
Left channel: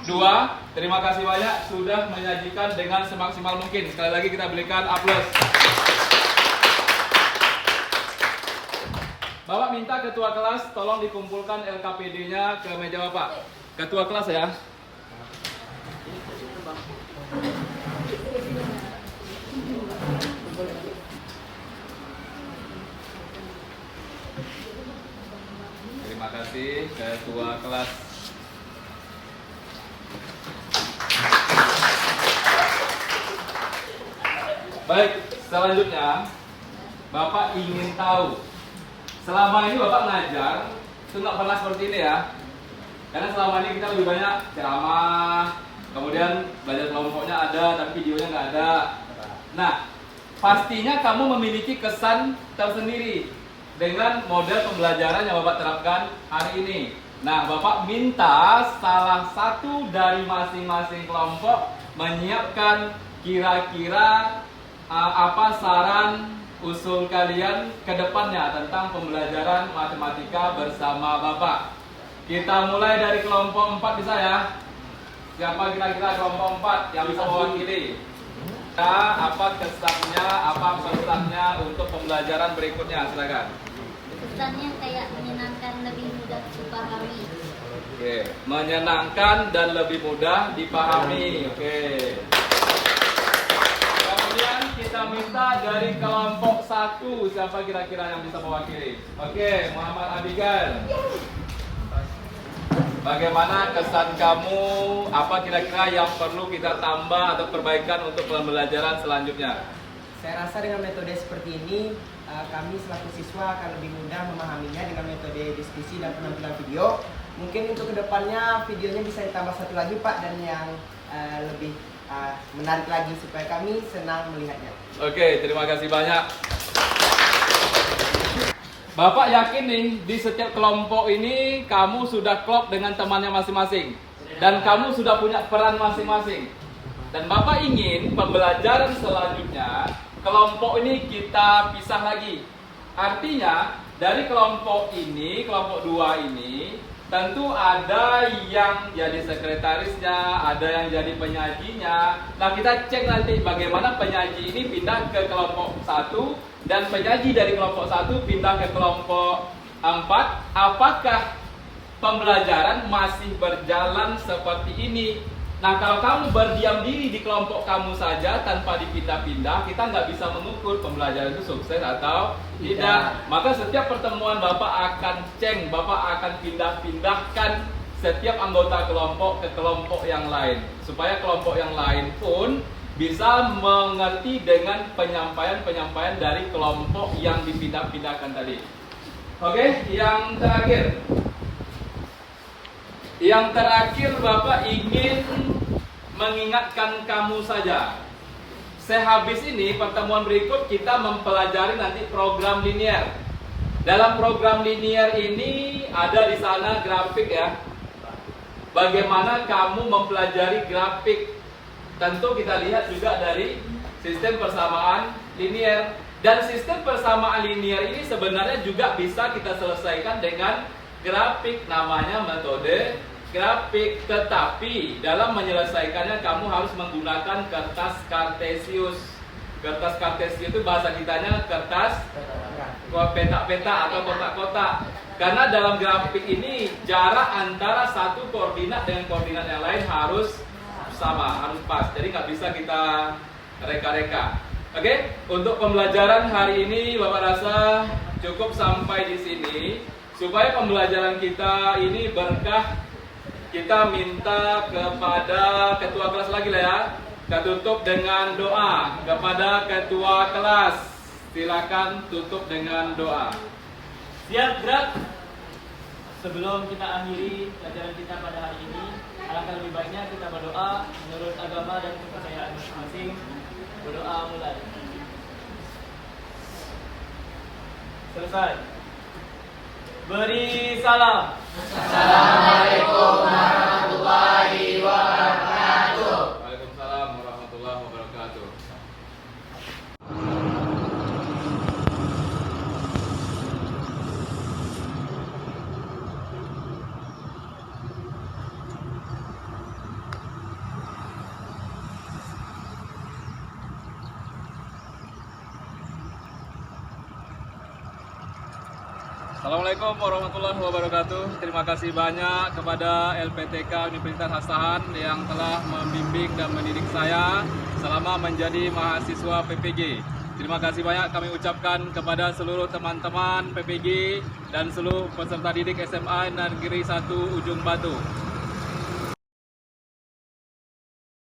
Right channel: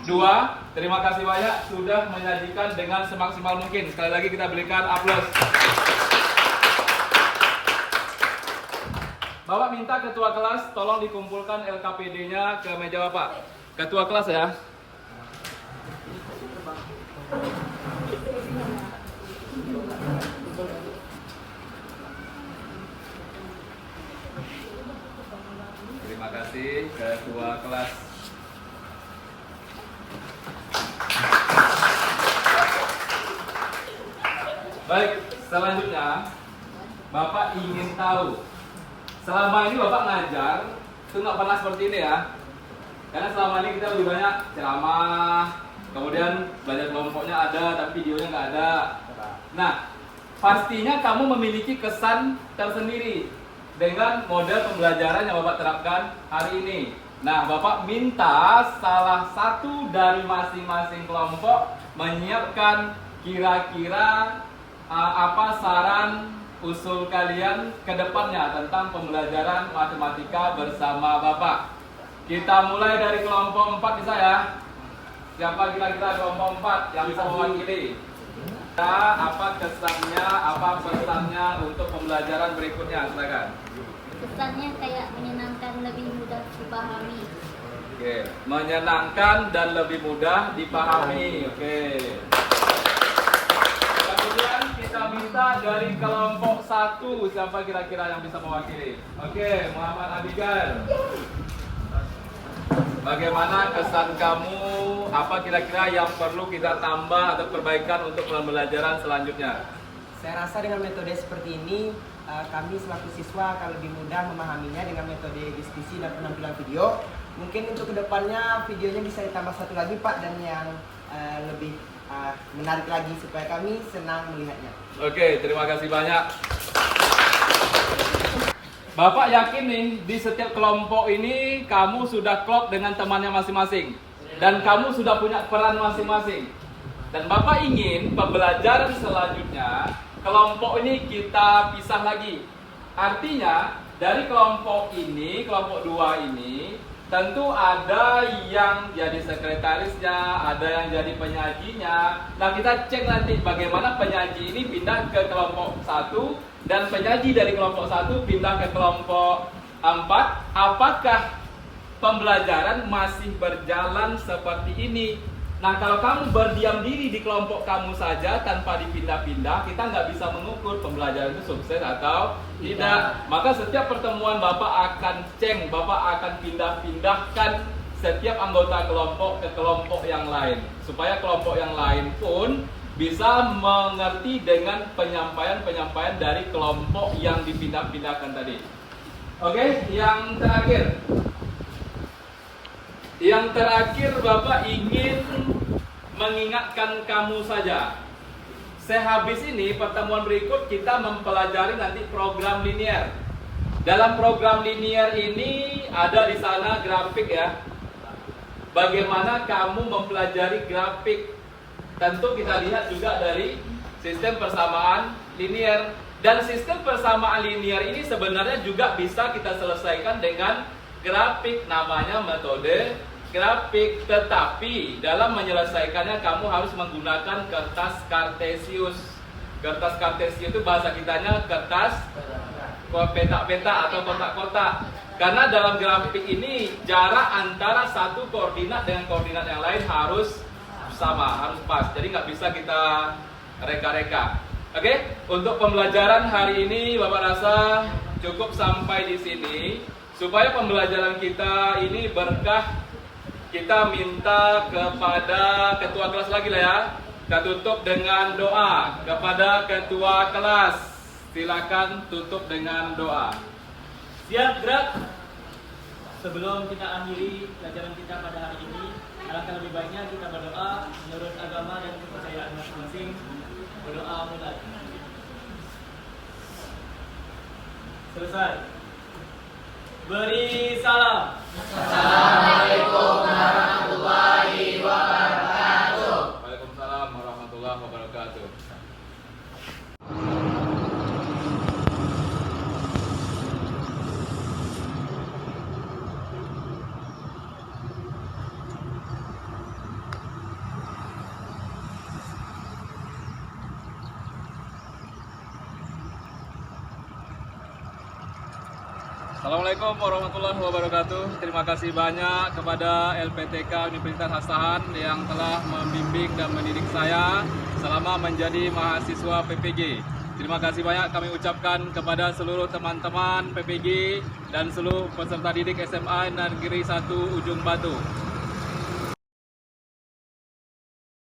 2, terima kasih banyak sudah menyajikan dengan semaksimal mungkin. Sekali lagi kita berikan aplaus. Bapak minta ketua kelas tolong dikumpulkan LKPD-nya ke meja Bapak. Ketua kelas ya. Terima kasih ketua kelas. Baik, selanjutnya Bapak ingin tahu, selama ini Bapak ngajar itu nggak pernah seperti ini ya. Karena selama ini kita lebih banyak ceramah, kemudian belajar kelompoknya ada tapi videonya nggak ada. Nah, pastinya kamu memiliki kesan tersendiri dengan model pembelajaran yang Bapak terapkan hari ini. Nah, Bapak minta salah satu dari masing-masing kelompok menyiapkan kira-kira apa saran usul kalian ke depannya tentang pembelajaran matematika bersama Bapak. Kita mulai dari kelompok 4 bisa ya. Siapa kira-kira kelompok 4 yang bisa mewakili? Apa kesannya, apa pesannya untuk pembelajaran berikutnya? Silakan. Kesannya kayak menyenangkan, lebih mudah dipahami. Oke, menyenangkan dan lebih mudah dipahami. Oke. Kemudian kita minta dari kelompok 1, siapa kira-kira yang bisa mewakili? Oke, Muhammad Abigail. Bagaimana kesan kamu? Apa kira-kira yang perlu kita tambah atau perbaikan untuk pembelajaran selanjutnya? Saya rasa dengan metode seperti ini kami selaku siswa akan lebih mudah memahaminya dengan metode diskusi dan penampilan video. Mungkin untuk kedepannya videonya bisa ditambah satu lagi Pak, dan yang lebih menarik lagi supaya kami senang melihatnya. Oke, terima kasih banyak. Bapak yakin nih di setiap kelompok ini kamu sudah klop dengan temannya masing-masing dan kamu sudah punya peran masing-masing. Dan Bapak ingin pembelajaran selanjutnya kelompok ini kita pisah lagi. Artinya dari kelompok ini, kelompok 2 ini tentu ada yang jadi sekretarisnya, ada yang jadi penyajinya. Nah, kita cek nanti bagaimana penyaji ini pindah ke kelompok 1 dan penyaji dari kelompok 1 pindah ke kelompok 4. Apakah pembelajaran masih berjalan seperti ini? Nah, kalau kamu berdiam diri di kelompok kamu saja tanpa dipindah-pindah, kita nggak bisa mengukur pembelajaran itu sukses atau tidak. Maka setiap pertemuan Bapak akan cek, Bapak akan pindah-pindahkan setiap anggota kelompok ke kelompok yang lain, supaya kelompok yang lain pun bisa mengerti dengan penyampaian-penyampaian dari kelompok yang dipindah-pindahkan tadi. Oke, yang terakhir. Yang terakhir Bapak ingin mengingatkan kamu saja. Sehabis ini pertemuan berikut kita mempelajari nanti program linear. Dalam program linear ini ada di sana grafik ya. Bagaimana kamu mempelajari grafik? Tentu kita lihat juga dari sistem persamaan linear. Dan sistem persamaan linear ini sebenarnya juga bisa kita selesaikan dengan grafik, namanya metode grafik. Tetapi dalam menyelesaikannya kamu harus menggunakan kertas kartesius. Kertas kartesius itu bahasa kitanya kertas peta-peta atau kotak-kotak. Karena dalam grafik ini jarak antara satu koordinat dengan koordinat yang lain harus sama, harus pas. Jadi nggak bisa kita reka-reka. Oke, untuk pembelajaran hari ini Bapak rasa cukup sampai di sini. Supaya pembelajaran kita ini berkah, kita minta kepada ketua kelas lagi lah ya. Kita tutup dengan doa kepada ketua kelas. Silakan tutup dengan doa. Siap, gerak. Sebelum kita akhiri pelajaran kita pada hari ini, alangkah lebih baiknya kita berdoa menurut agama dan kepercayaan masing-masing. Berdoa mulai. Selesai. Beri salam. Assalamualaikum warahmatullahi wabarakatuh. Waalaikumsalam warahmatullahi wabarakatuh. Assalamualaikum warahmatullahi wabarakatuh. Terima kasih banyak kepada LPTK Universitas Asahan yang telah membimbing dan mendidik saya selama menjadi mahasiswa PPG. Terima kasih banyak kami ucapkan kepada seluruh teman-teman PPG dan seluruh peserta didik SMA Negeri 1 Ujung Batu.